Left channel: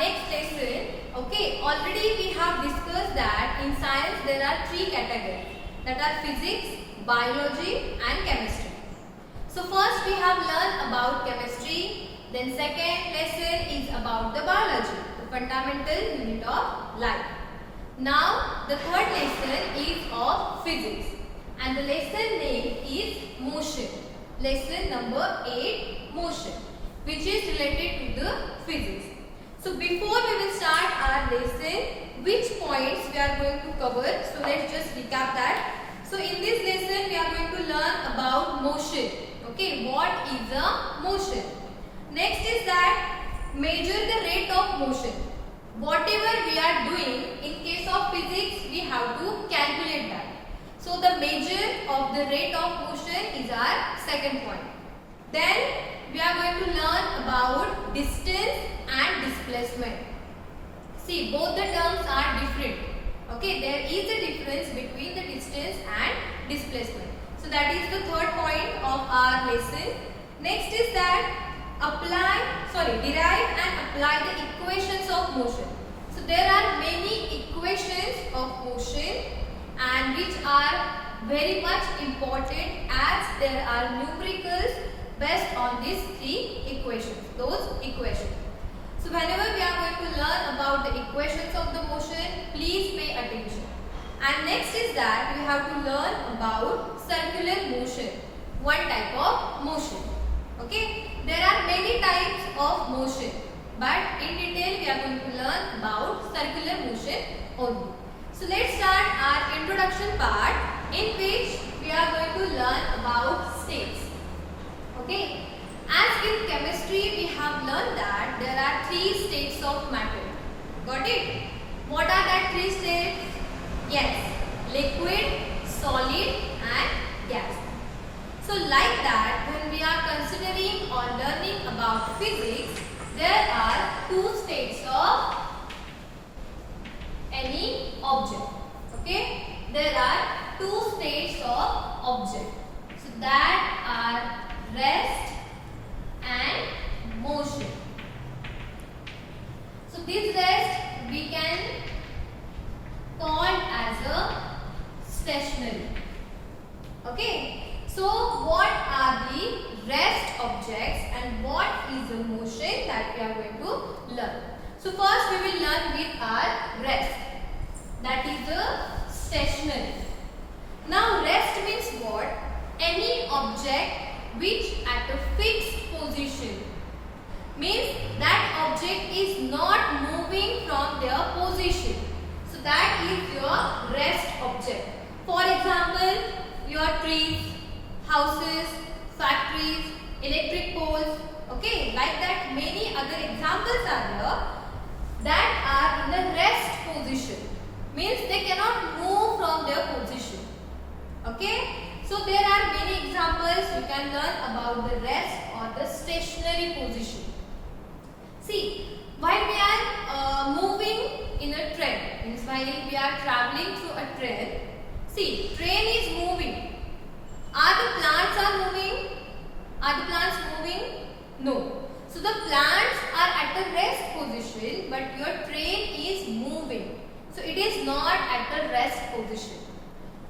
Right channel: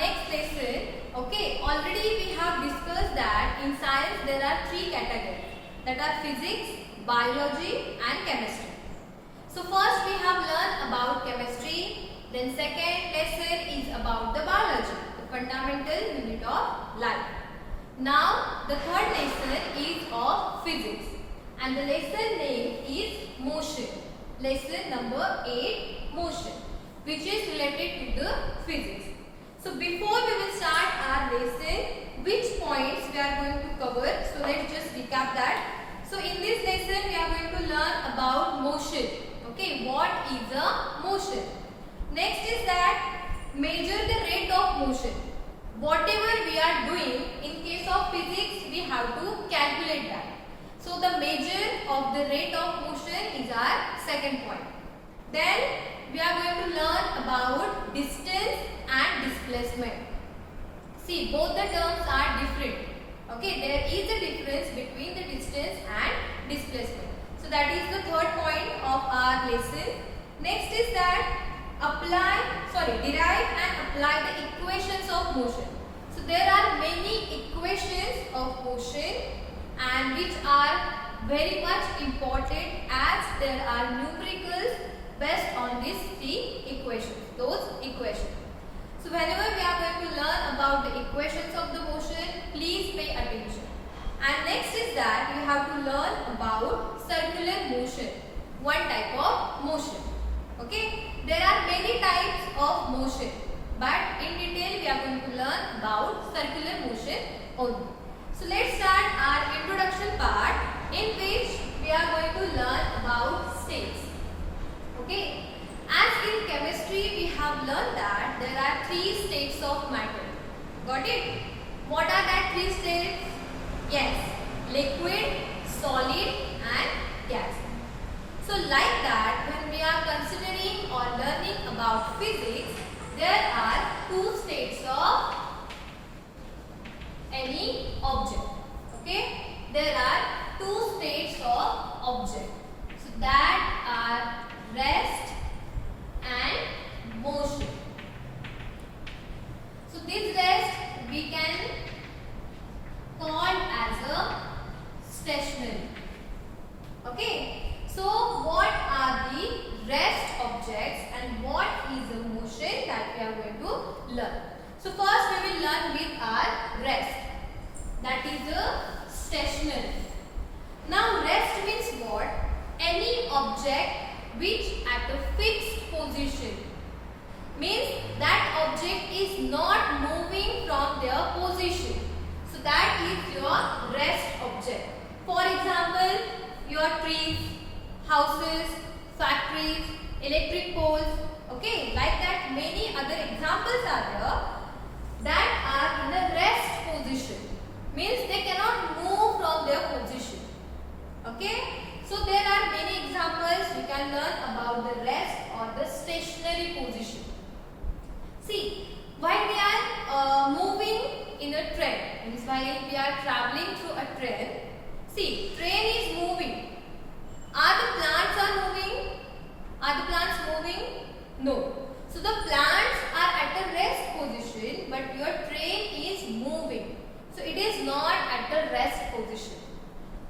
next lesson. Okay, already we have discussed that in science there are three categories, that are physics, biology and chemistry. So first we have learned about chemistry, then second lesson is about the biology, the fundamental unit of life. Now the third lesson is of physics and the lesson name is motion. Lesson number 8, motion, which is related to the physics. So before we will start our lesson, which points we are going to cover? So let's just recap that. So in this lesson we are going to learn about motion. Okay, what is a motion? Next is that measure the rate of motion. Whatever we are doing, in case of physics we have to calculate that. So the measure of the rate of motion is our second point. Then we are going to learn about distance and displacement. See, both the terms are different. Okay, there is a difference between the distance and displacement. So that is the third point of our lesson. Next is that derive and apply the equations of motion. So there are many equations of motion and which are very much important as there are numericals based on these three equations, those equations. So whenever we are going to learn about the equations of the motion, please pay attention. And next is that we have to learn about circular motion, one type of motion. Okay, there are many types of motion, but in detail we are going to learn about circular motion only. So let's start our introduction part, in which we are going to learn about states. Okay, as in chemistry we have learned that there are three states of matter. Got it? What are that three states? Yes, liquid, solid and gas. So like that, when we are considering or learning about physics, there are two states of any object. Okay, there are two states of object. So that are rest and motion. So this rest we can call as a stationary. Okay, so what are the rest objects and what is the motion that we are going to learn? So first we will learn with our rest, that is the stationary. Now rest means what? Any object which at a fixed position, means that object is not moving from their position. So that is your rest object. For example, your trees, houses, factories, electric poles. Okay, like that many other examples are there that are in the rest position, means they cannot move from their position. Okay, so there are many examples you can learn about the rest or the stationary position. See, while we are moving in a train, means while we are traveling through a train, see, train is moving. Are the plants moving? Are the plants moving? No. So the plants are at a rest position, but your train is moving. So it is not at the rest position.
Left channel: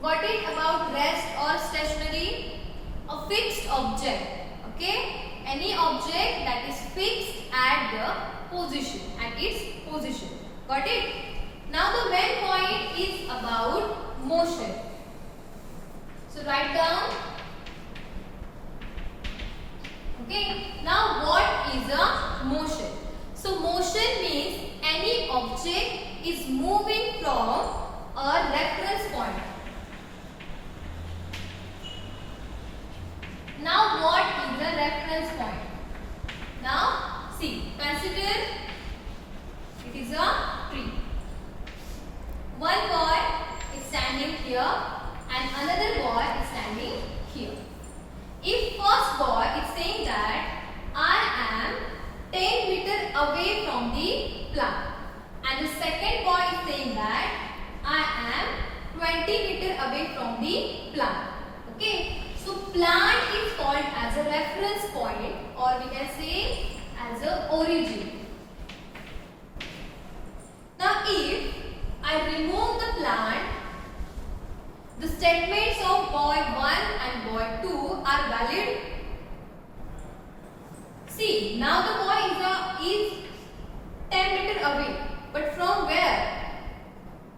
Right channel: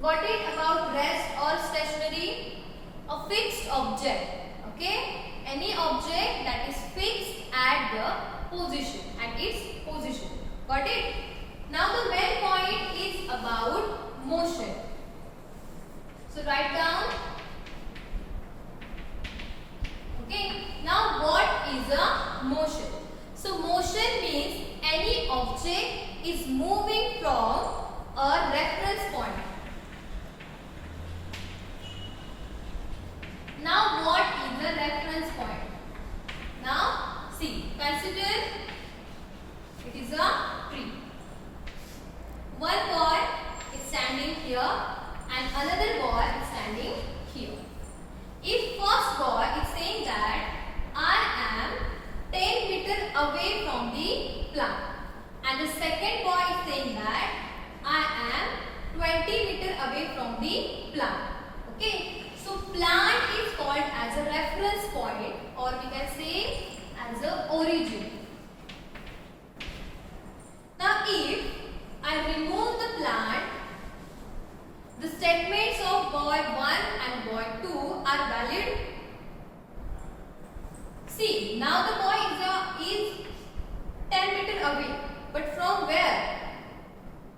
Got it about rest or stationary? A fixed object. Okay? Any object that is fixed at the position, at its position. Got it? Now the main point is about motion. So write down. Okay. Now what is a motion? So motion means any object is moving from a reference point. Now what is the reference point? Now see, consider it is a tree. One boy is standing here and another boy is standing here. If first boy is saying that I am 10 meters away from the plant, and the second boy is saying that I am 20 meters away from the plant. Okay, so plant is called as a reference point, or we can say as a origin. if I remove the plant, the statements of boy 1 and boy 2 are valid. See, now the boy is 10 meters away, but from where?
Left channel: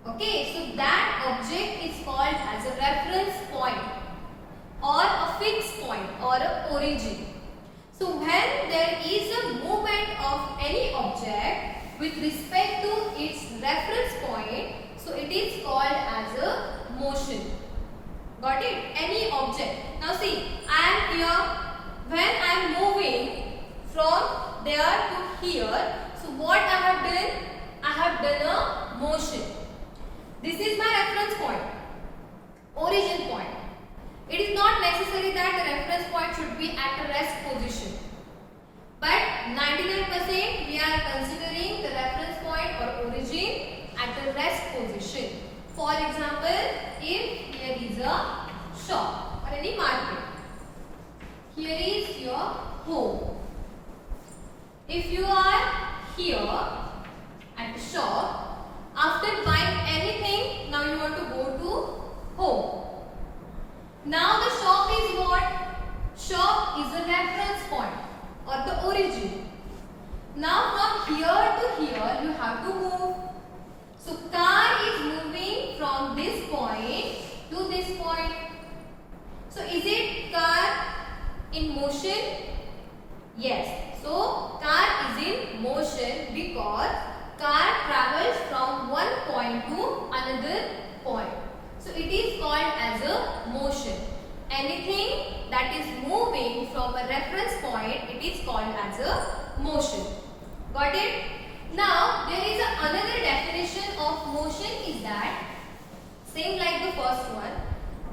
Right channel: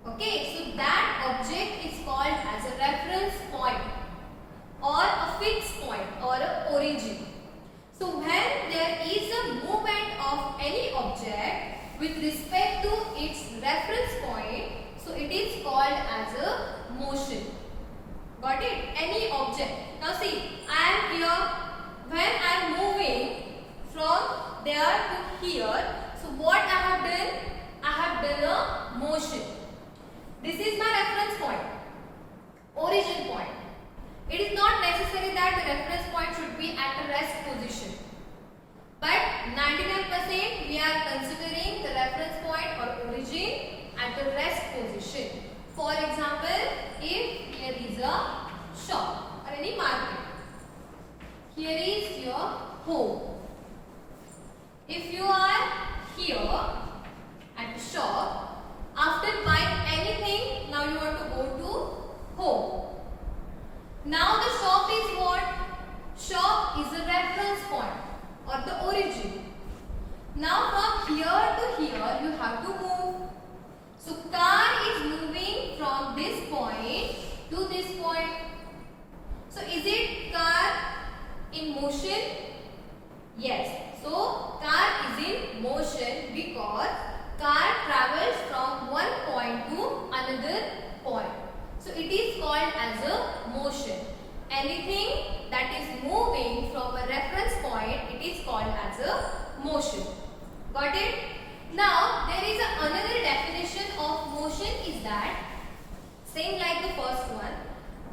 Okay, so that object is called as a reference point or a fixed point or a origin. So when there is a movement of any object with respect to its reference point, so it is called as a motion. Got it? Any object. Now see, I am here. When I am moving from there to here, so what I have done? I have done a motion. This is my reference point, origin point. It is not necessary that the reference point should be at a rest position. But 99% we are considering the reference point or origin at the rest position. For example, if here is a shop or any market, here is your home. If you are here at the shop, after buying anything, now you want to go to home. Now the shop is what? Shop is a reference point or the origin. Now from here to here you have to move. So car is moving from this point to this point. So is it car in motion? Yes. So car is in motion because car travels from one point to another point. So it is called as a motion. Anything that is moving from a reference point, it is called as a motion. Got it? Now there is another definition of motion is that, same like the first one,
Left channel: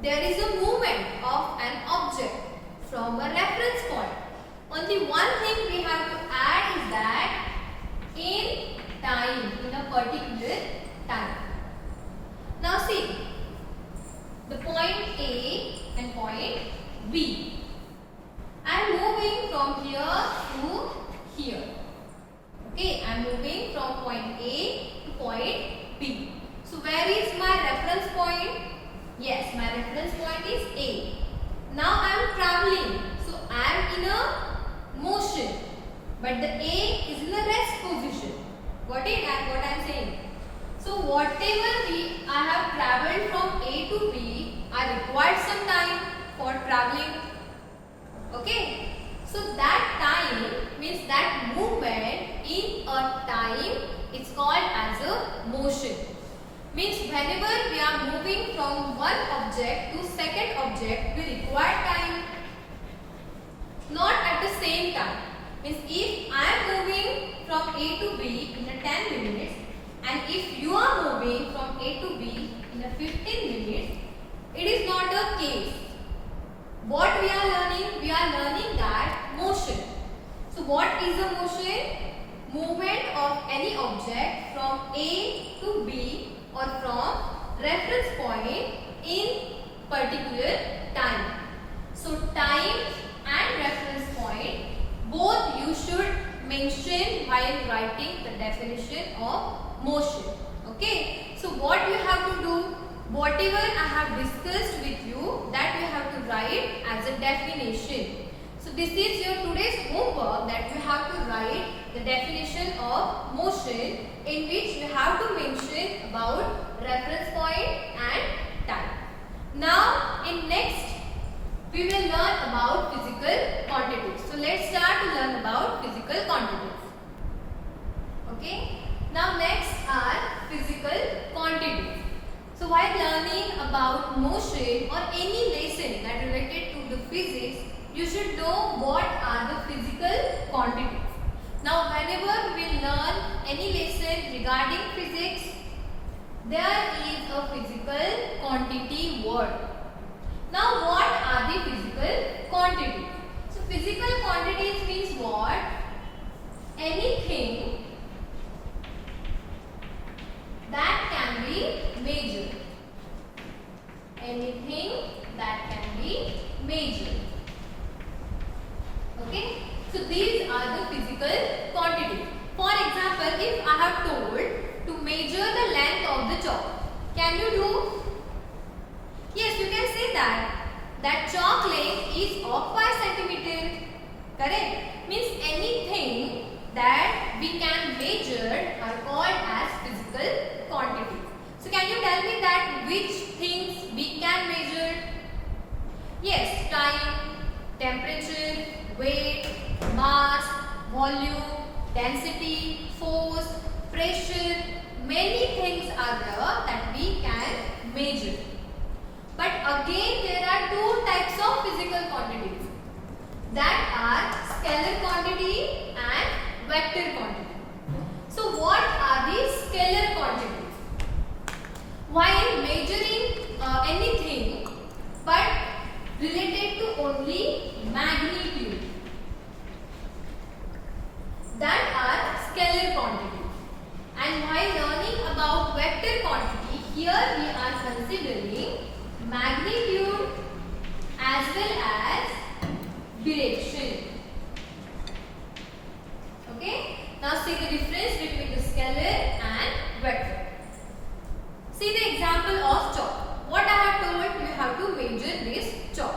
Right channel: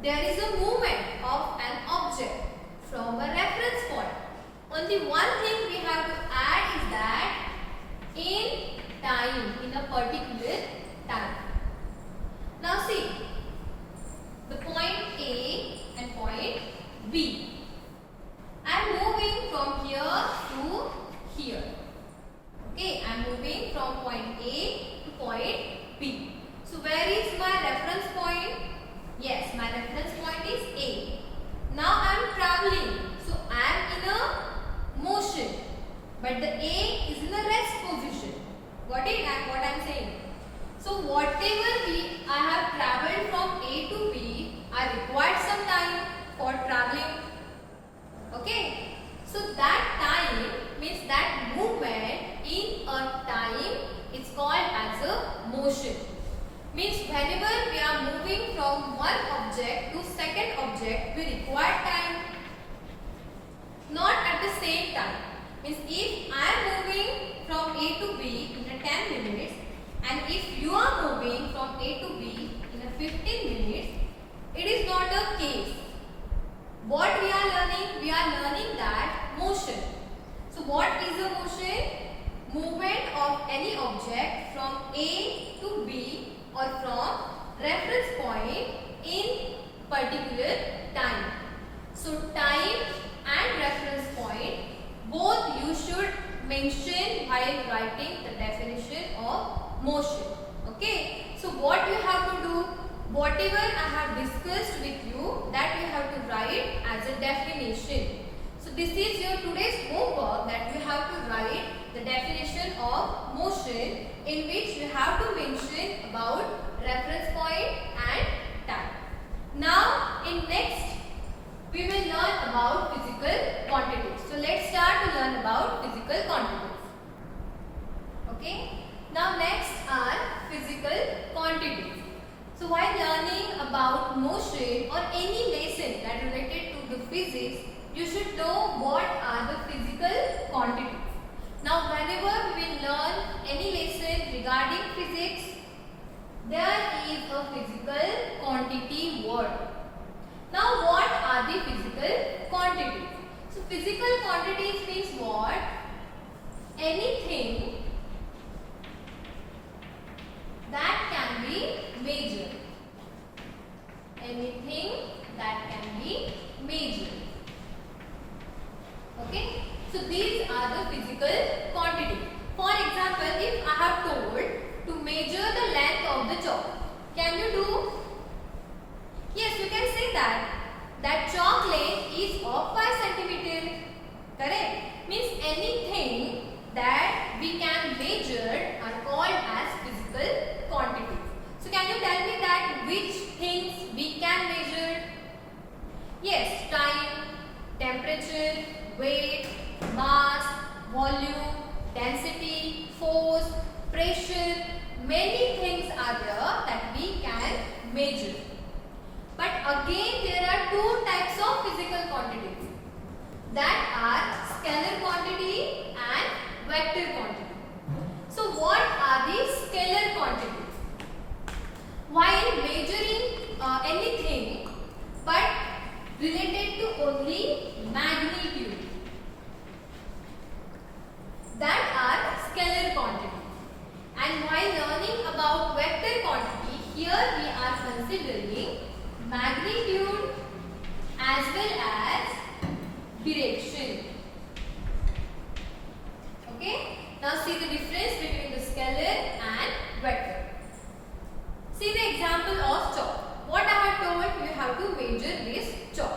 there is a movement of an object from a reference point. Only one thing we have to add is that in time, in a particular time. Now see, the point A and point B. I am moving from here to here. Okay, I am moving from point A to point B. So where is my reference point? Yes, my reference point is A. Now I am traveling. So I am in a motion. But the A is in a rest position. Got it? And what I am saying? So whatever I have travelled from A to B, I required some time for travelling. Okay. So that time means that movement in a time is called as a motion. Means whenever we are moving from one object to second object, we require time. Not at the same time. Means if I am moving from A to B in a 10 minutes and if you are moving from A to B in a 15 minutes, it is not a case. What we are learning? We are learning that motion. So what is a motion? Movement of any object from A to B or from reference point in particular time. So time and reference point, both you should mention while writing the definition of motion. Okay. So what you have to do? Whatever I have discussed with you, that you have to write as a definition. So this is your today's homework, that you have to write the definition of motion, in which you have to mention about reference point and time. Now in next we will learn about physical quantities. So let's start to learn about physical quantities. Okay. Now next are physical quantities. So while learning about motion or any lesson that related to the physics, you should know what are the physical quantities. Now whenever we will learn any lesson regarding physics, there is a physical quantity word. Now what are the physical quantities? So physical quantities means what? Anything that can be measured. Anything that can be measured. Okay. So these are the physical quantities. For example, if I have told to measure the length of the chalk. Can you do? Yes, you can say that chalk length is of 5 centimeter. Correct? Means anything that we can measure are called as physical quantities. So can you tell me that which things we can measure? Yes, time, temperature, weight, mass, volume, density, force, pressure. Many things are there that we can measure. But again there are two types of physical quantities, that are scalar quantity and vector quantity. So what are these scalar quantities? While measuring anything but related to only magnitude, that are scalar quantity. And while learning about vector quantity, here we are considering magnitude as well as direction. Okay? Now see the difference between the scalar and vector. See the example of chalk. What I have told, you have to measure this chalk.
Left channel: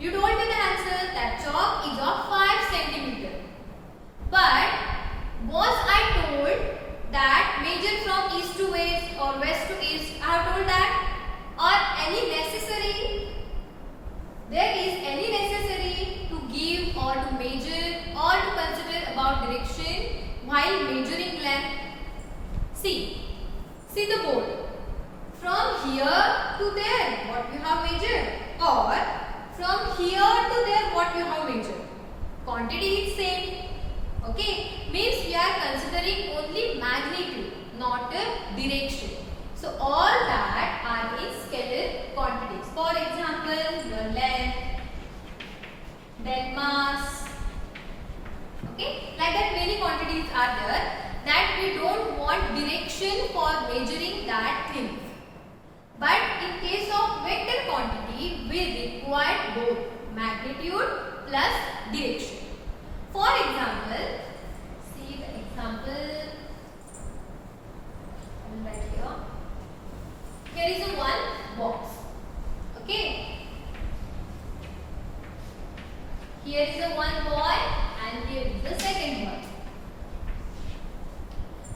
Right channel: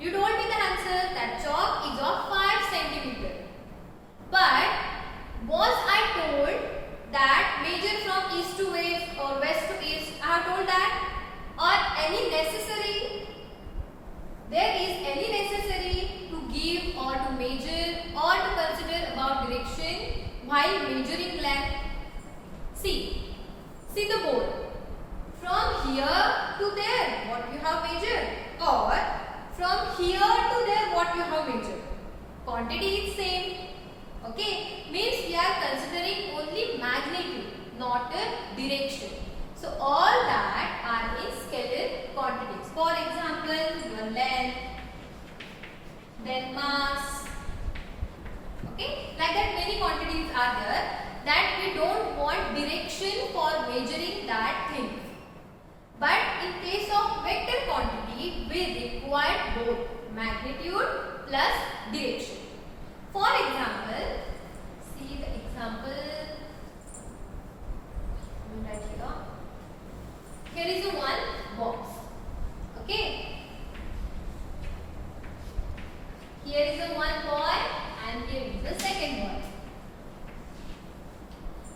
You told me the answer that chalk is of 5 centimeter. But was I told that measure from east to west or west to east? I have told that. Or any necessary? There is any necessary to give or to measure or to consider about direction while measuring length? See the board. From here to there, what you have measured, or from here to there, what you have measured. Quantity is same. Okay, means we are considering only magnitude, not a direction. So all that are in scalar quantities. For example, your length, then mass. Okay, like that many quantities are there that we don't want direction for measuring that thing. But in case of vector quantity, we require both magnitude plus direction. For example, see the example right here. Here is a one box. Okay. Here is a one boy and here is the second boy.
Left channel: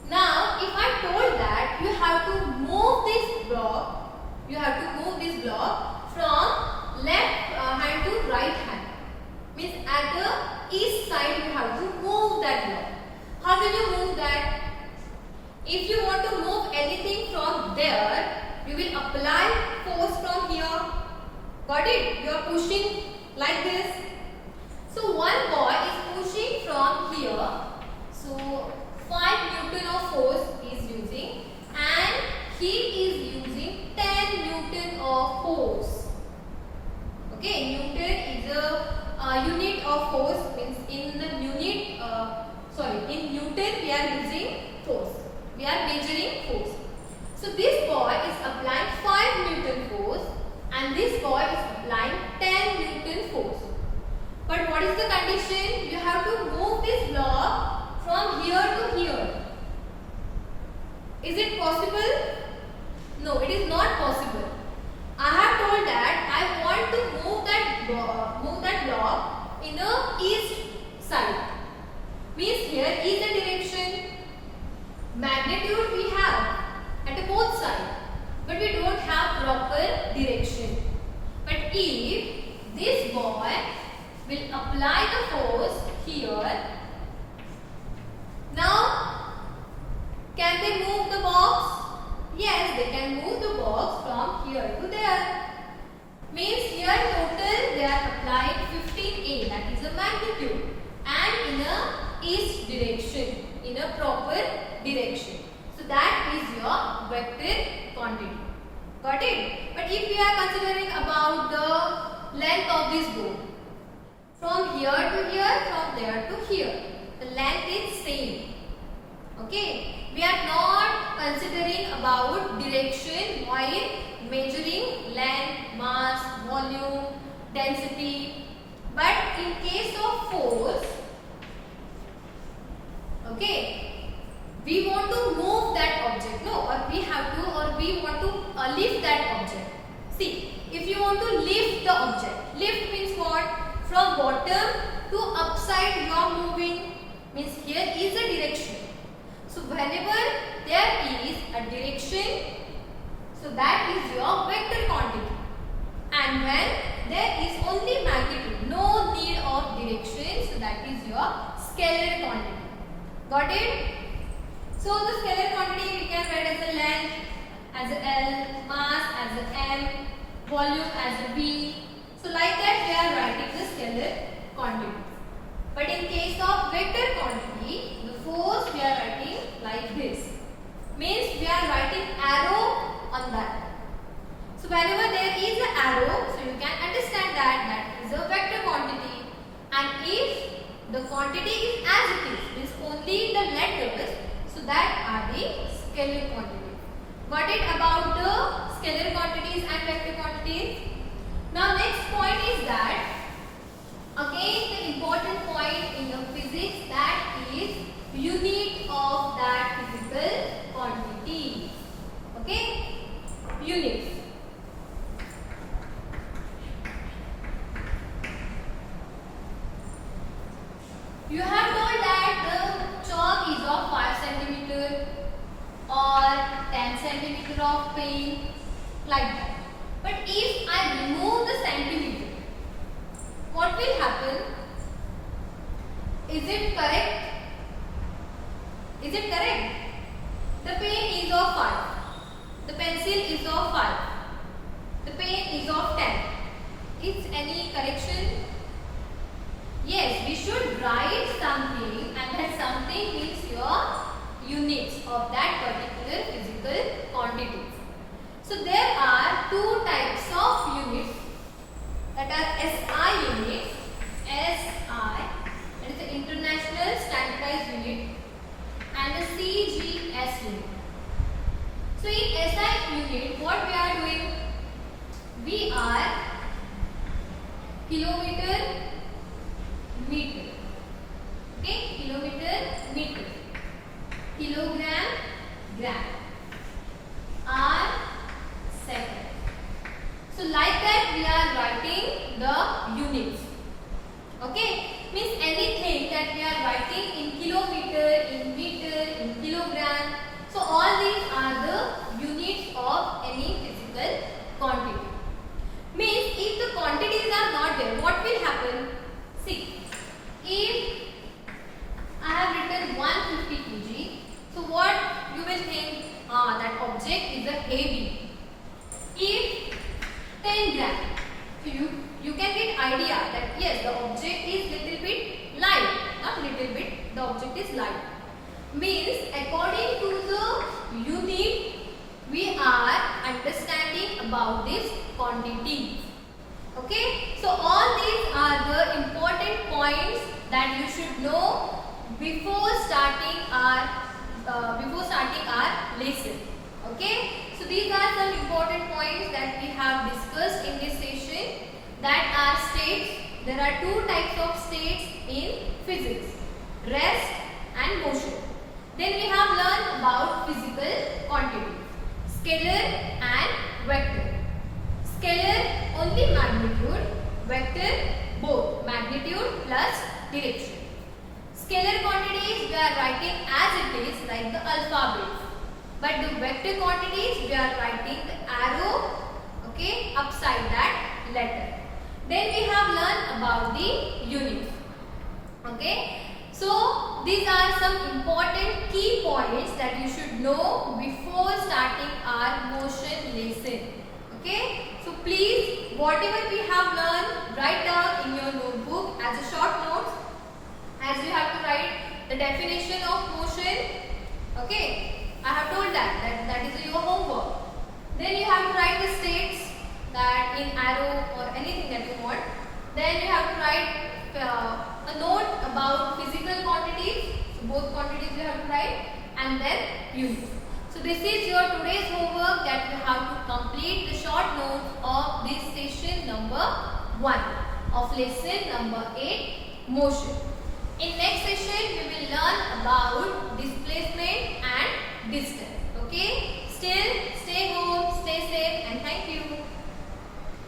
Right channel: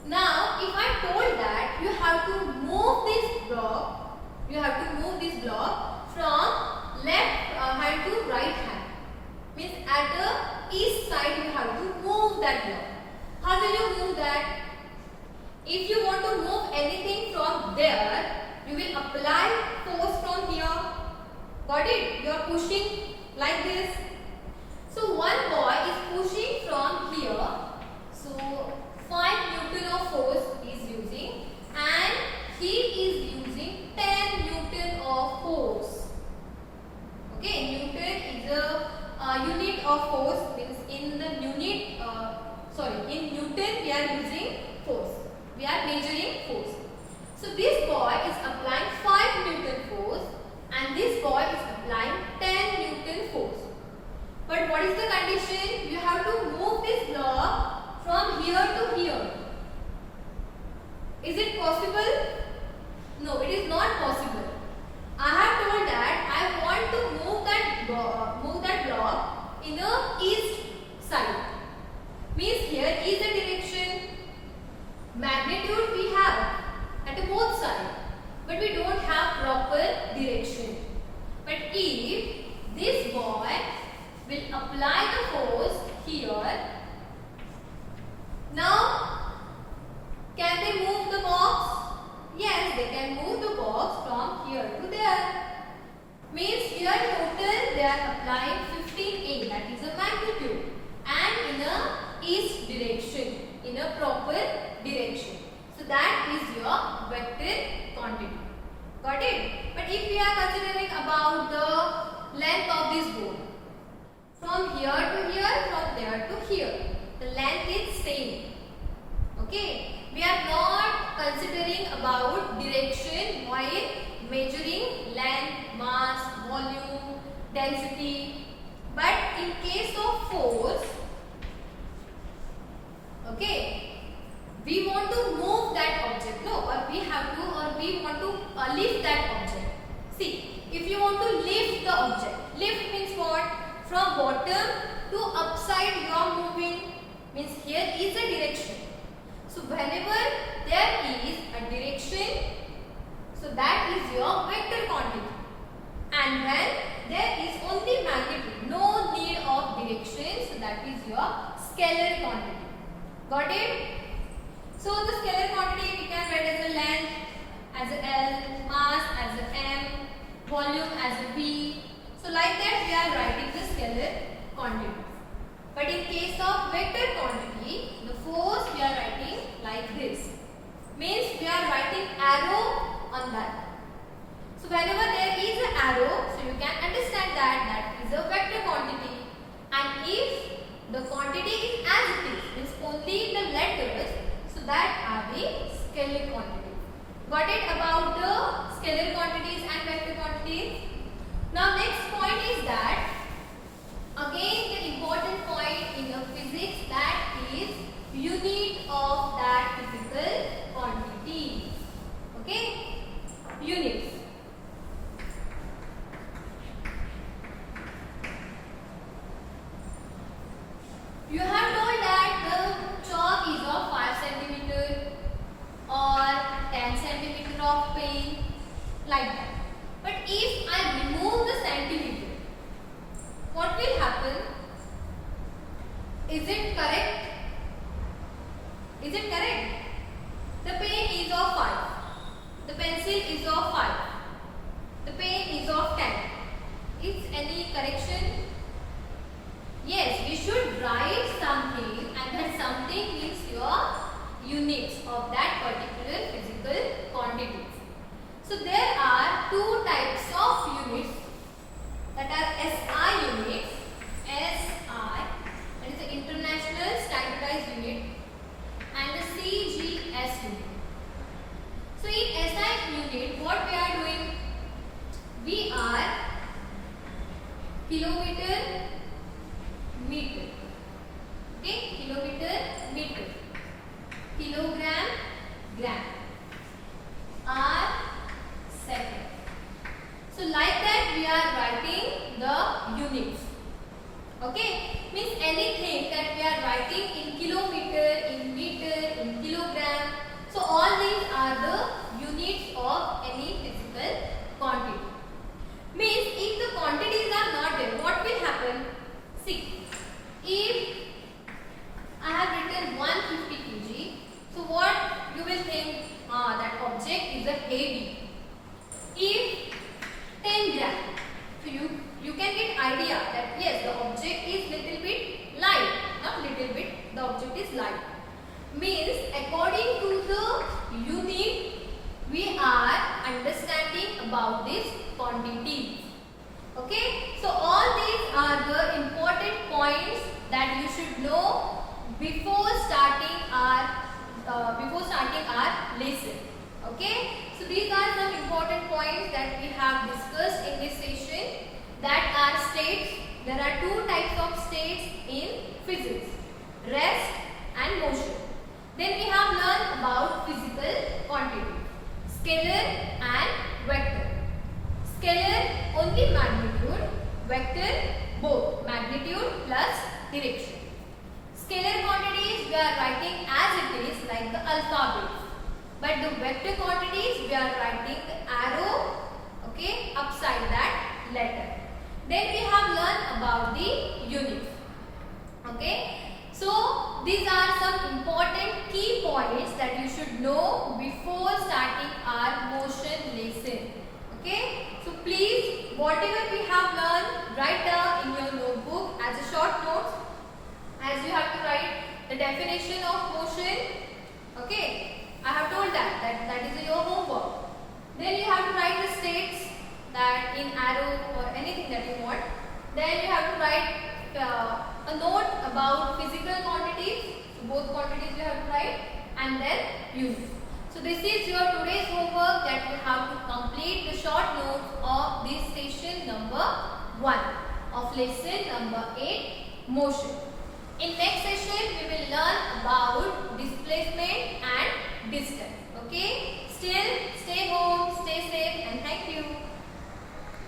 Now, if I told that you have to move this block, from left hand to right hand. Means at the east side you have to move that block. How will you move that? If you want to move anything from there, you will apply force from here. Got it? You are pushing like this. So one boy is pushing from here. So 5 Newton of force is using, and he is using 10 Newton of force. Okay, Newton is a unit of force. Means in the unit, in Newton we are using force. We are measuring force. So this boy is applying 5 Newton force and this boy is applying 10 Newton force. But what is the condition? You have to move this block from here to here. Is it possible? No, it is not possible. I have told that I want to move that block in the east side. Means here is the direction. Magnitude we have at both sides, but we don't have proper direction. But if this boy will apply the force here, now can they move the box? Yes, they can move the box from here to there. Means here total they are applying 15A, that is the magnitude, and in a east direction, in a proper direction. So that is your vector quantity. Got it? But if we are considering about the length of this board, from here to here, from there to here, the length is same. Okay? We are not considering about direction while measuring length, mass, volume, density. But in case of force, okay, we want to move that upside you are moving, means here is a direction. So whenever there is a direction, so that is your vector quantity. And when there is only magnitude, no need of direction, so that is your scalar quantity. Got it? So the scalar quantity we can write as a length, as a L, mass as a M, volume as a V. So like that we are writing the scalar quantity. But in case of vector quantity, the force we are writing like this. Means we are writing arrow on that. So whenever there is an arrow, so you can understand that that is a vector quantity. And if the quantity is as it is, means only the letters, so that are the scalar quantity. Got it about the scalar quantities and vector quantities? Now next point is that, again the important point in the physics, that is unit of that physical quantity. Okay? Units. You have told that the chalk is of 5 cm or 10 cm of paint, like that. But if I remove the centimeter, what will happen? Is it correct? Is it correct? The pen is of 5. The pencil is of 5. The pen is of 10. Is any correction? Yes, we should write something, and that something means your units of that particular physical quantity. So there are two types of units, that are SI units, SI, that is the International Standardized Unit, and the CGS unit. So in SI unit, what we are doing? We are kilometer, meter. Okay, kilometer, meter. Kilogram, gram. R, second. So like that we are writing the units. Okay, means anything that we are writing in kilometer, in meter, in kilogram. So all these are the units of any physical quantity. Means if the quantities are not there, what will happen? See, if I have written 150 kg, so what you will think? That object is a heavy. If 10 gram, so you can get idea that yes, the object is little bit light, not little bit, the object is light. Means according to the unit, we are understanding about this quantity. Okay, so all these are the important points that you should know before starting our lesson. Okay, so these are some important points that we have discussed in this session, that are states. There are two types of states in physics, rest and motion. Then we have learned about physical quantity, scalar and vector. Scalar only magnitude, vector both magnitude plus direction. Scalar quantities we are writing as it is, like the alphabet. But the vector quantities we are writing the arrow, okay, upside that letter. Then we have learned about the units. Okay. So these are some important key points that you should know before starting our motion lesson. Okay. So please, whatever we have learned, write down in your notebook as a short notes, as you have to write the definition of motion. Okay. I have told that is your homework. Then you have to write the states, that in arrow or anything that you want. Then you have to write a note about physical quantities. So both quantities you have to write, and then units. So this is your today's homework, that you have to complete the short notes of this session number 1 of lesson number 8, motion. In next session we will learn about displacement and distance. Okay, still stay home.